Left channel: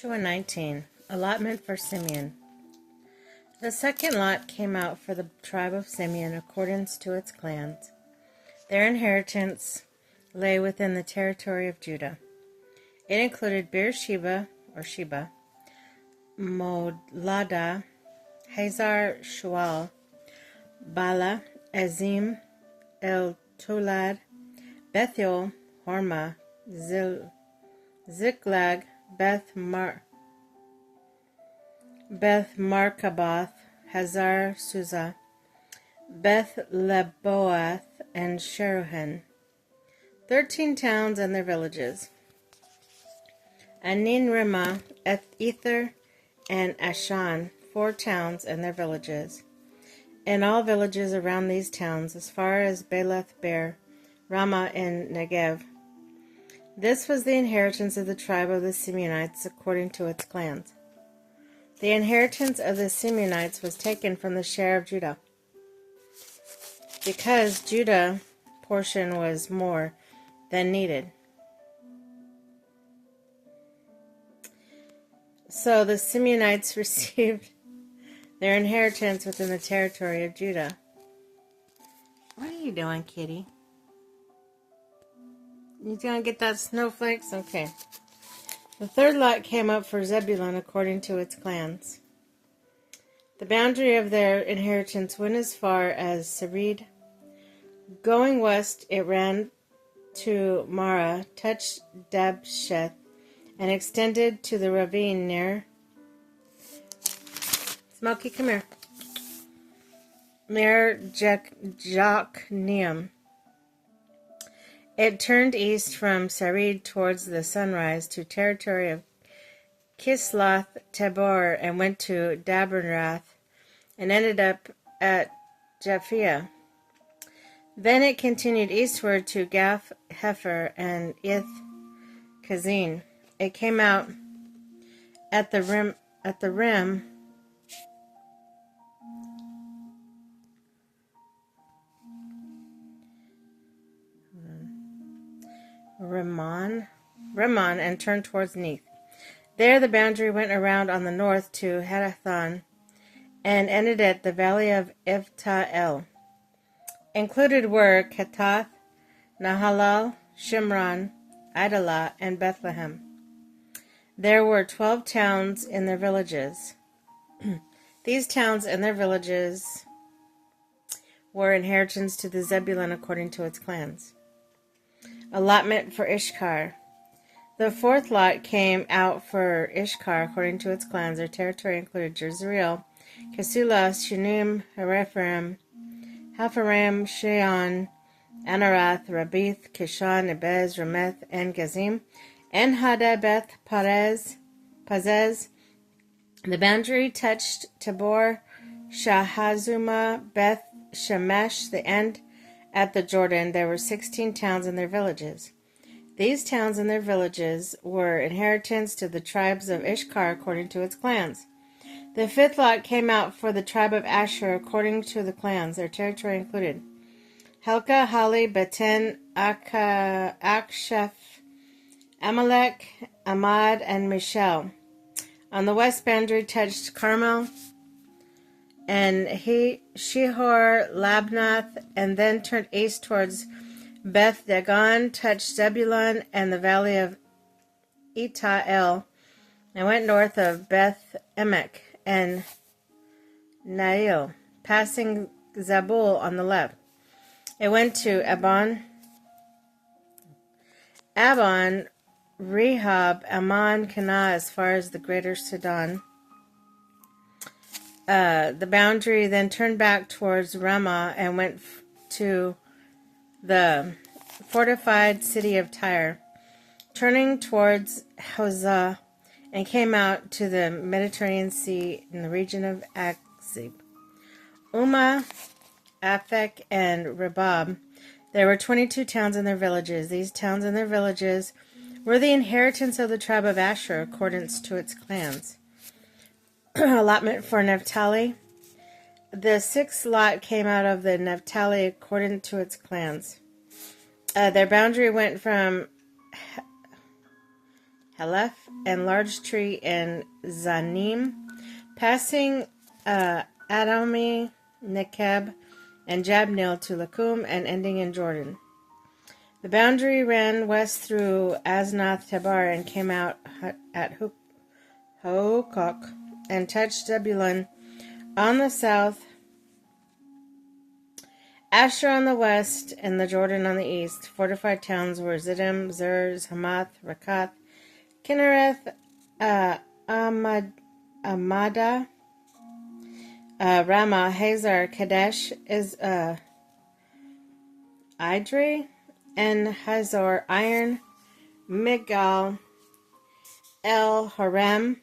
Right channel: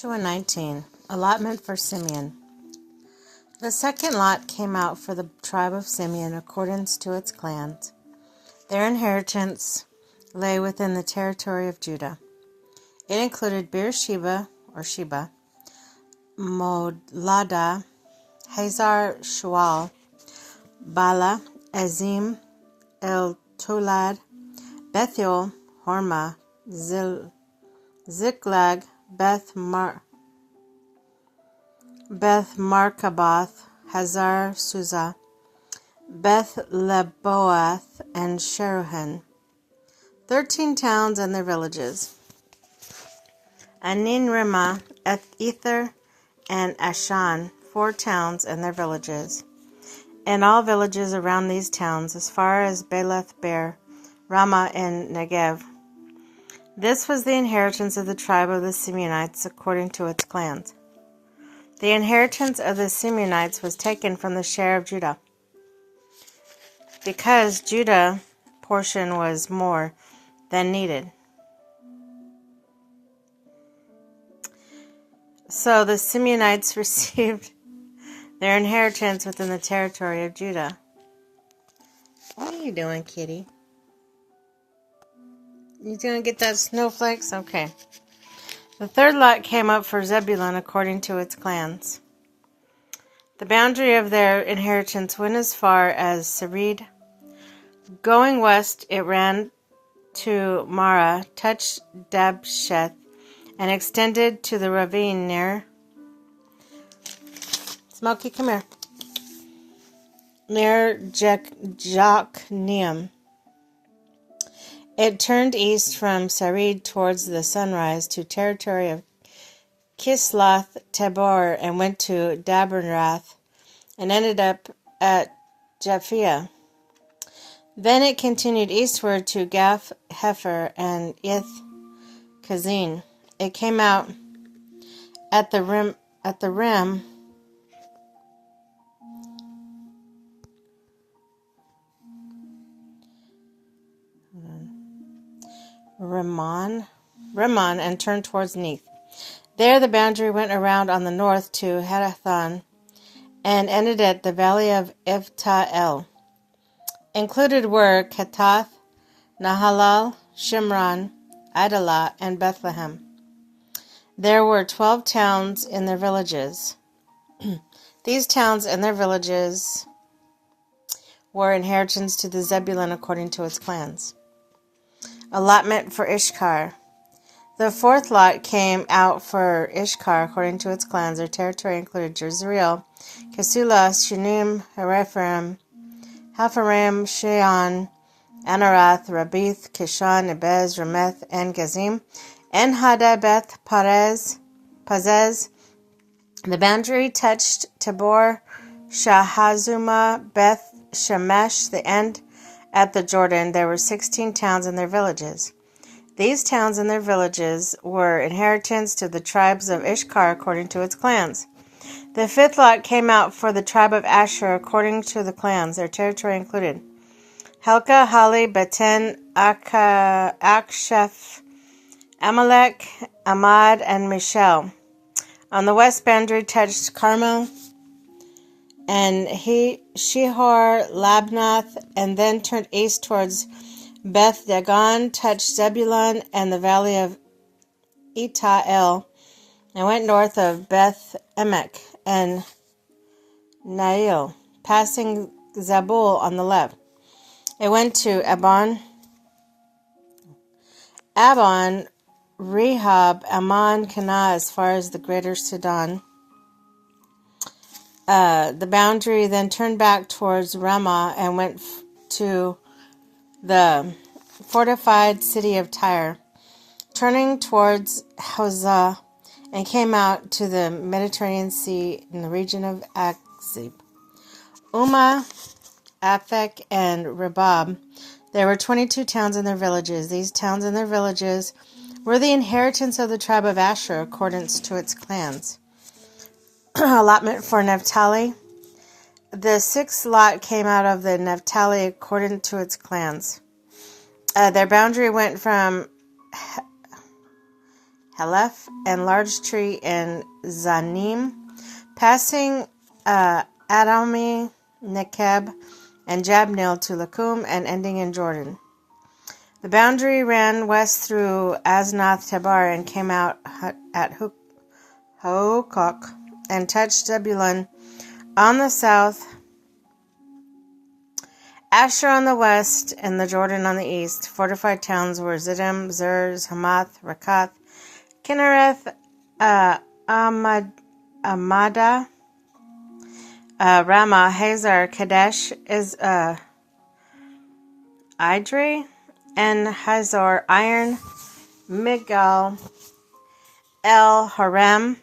Joshua 19, allotment for Simeon. The second lot came out for the tribe of Simeon according to its clans. Their inheritance lay within the territory of Judah. It included Beersheba, or Sheba, Molada, Hazar Shual, Bala, Azim, El Tolad, Bethuel, Hormah, Ziklag, Beth Markaboth, Hazar Susa, Beth Leboath, and Sheruhen, 13 towns and their villages. Anin Rimmah, Ether, and Ashan, 4 towns and their villages, and all villages around these towns as far as Beleth Beer, Ramah in Negev. This was the inheritance of the tribe of the Simeonites according to its clans. The inheritance of the Simeonites was taken from the share of Judah, because Judah's portion was more than needed. So the Simeonites received their inheritance within the territory of Judah. What are you doing, kitty? You gonna get that snowflakes? Okay. The third lot came up for Zebulun according to its clans. The boundary of their inheritance went as far as Sarid. Going west, it ran to Marah, touched Dabsheth, and extended to the ravine near Smokey, come here. Near Jokneam. It turned east from Sarid towards the sunrise to territory of Kisloth Tabor and went to Daberath and ended up at Japhia. Then it continued eastward to Gath Hefer and Ith Kazin. It came out at the rim Rimmon and turned towards Neath. There the boundary went around on the north to Hadathan and ended at the valley of Ifta-El. Included were Katath, Nahalal, Shimron, Idalah, and Bethlehem. There were 12 towns in their villages. These towns and their villages were inheritance to the Zebulun according to its clans. Allotment for Ishkar. The fourth lot came out for Ishkar according to its clans. Their territory included Jezreel, Kesulah, Shunem, Hapharaim, Sheon, Anarath, Rabith, Kishan, Ebez, Rameth, and Gazim, and Hadabeth, Pazez. The boundary touched Tabor, Shahazuma, Beth Shemesh, the end at the Jordan. There were 16 towns and their villages. These towns and their villages were inheritance to the tribes of Ishkar according to its clans. The fifth lot came out for the tribe of Asher according to the clans. Their territory included Helka, Hali, Beten, Aksheph, Amalek, Amad, and Michel. On the west boundary touched Carmel and Shihor, Labnath, and then turned east towards Beth Dagon, touched Zebulun and the valley of Ita-El, and went north of Beth Emek and Nail, passing Zabul on the left. It went to Abon, Rehab, Ammon, Kanah, as far as the greater Sidon. The boundary then turned back towards Ramah and went to the fortified city of Tyre, turning towards Hosah, and came out to the Mediterranean Sea in the region of Akzib. Ummah, Aphek, and Rebab. There were 22 towns and their villages. These towns and their villages were the inheritance of the tribe of Asher according to its clans. Allotment for Naphtali. The sixth lot came out of the Naphtali according to its clans. Their boundary went from Haleph, and large tree in Zanim, passing Adami, Nekeb, and Jabneel to Lakum, and ending in Jordan. The boundary ran west through Asnath Tabar and came out at Hokok and touched Zebulun on the south, Asher on the west, and the Jordan on the east. Fortified towns were Ziddim, Zer, Hamath, Rakath, Kinnereth, Amada, Ramah, Hazar, Kadesh, Idri, and Hazor, Iron, Migdal, El Harem,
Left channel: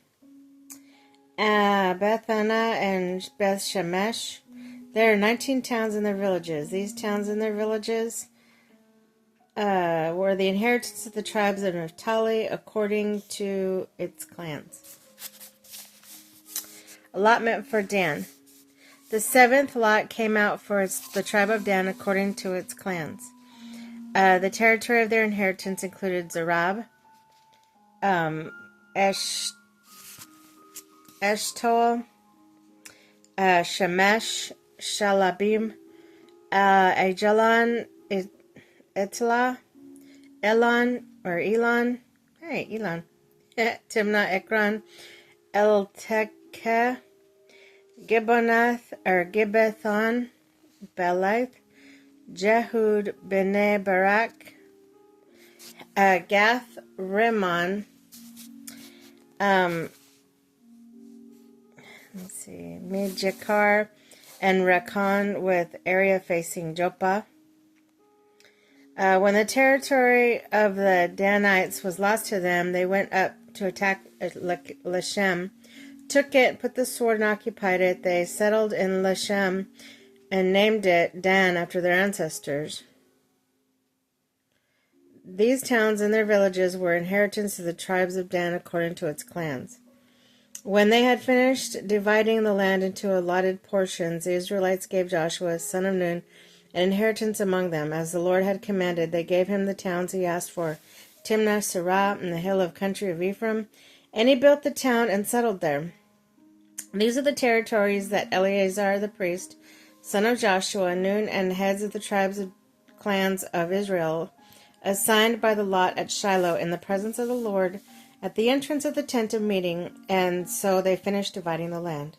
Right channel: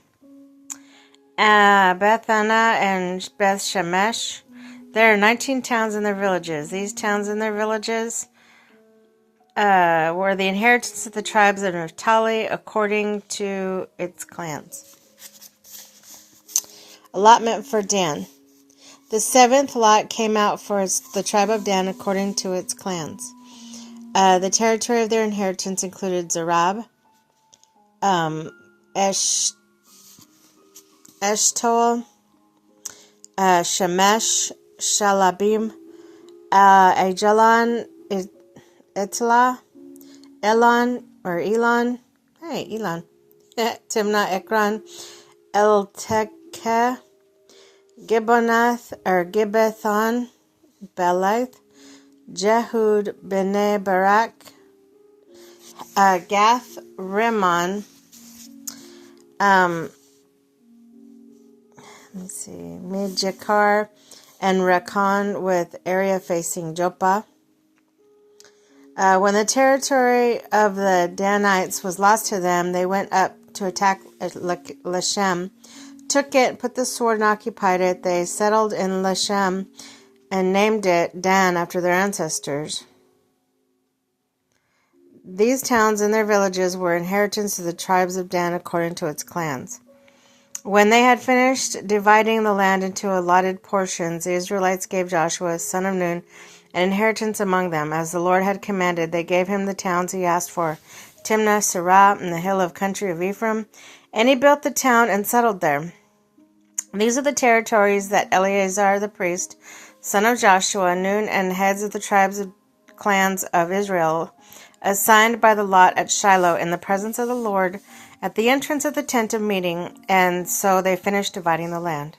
Bethana, and Beth Shemesh. There are 19 towns and their villages. These towns and their villages were the inheritance of the tribes of Naphtali according to its clans. Allotment for Dan. The seventh lot came out for the tribe of Dan according to its clans. The territory of their inheritance included Zerab, Eshtaol, Shemesh, Shalabim, Ajalon, Etlah, Elon, Timnah, Ekron, Eltekeh, Gibbethon, Beleth, Jehud, Bnei Barak, Gath, Rimmon, Midjakar, and Rakan, with area facing Joppa. When the territory of the Danites was lost to them, they went up to attack Leshem, took it, put the sword, and occupied it. They settled in Leshem and named it Dan after their ancestors. These towns and their villages were inheritance of the tribes of Dan according to its clans. When they had finished dividing the land into allotted portions, the Israelites gave Joshua, son of Nun, an inheritance among them. As the Lord had commanded, they gave him the towns he asked for, Timnah, Serah, and the hill of country of Ephraim, and he built the town and settled there. These are the territories that Eleazar the priest, son of Joshua, Nun, and heads of the tribes of clans of Israel, assigned by the lot at Shiloh in the presence of the Lord, at the entrance of the tent of meeting, and so they finished dividing the land.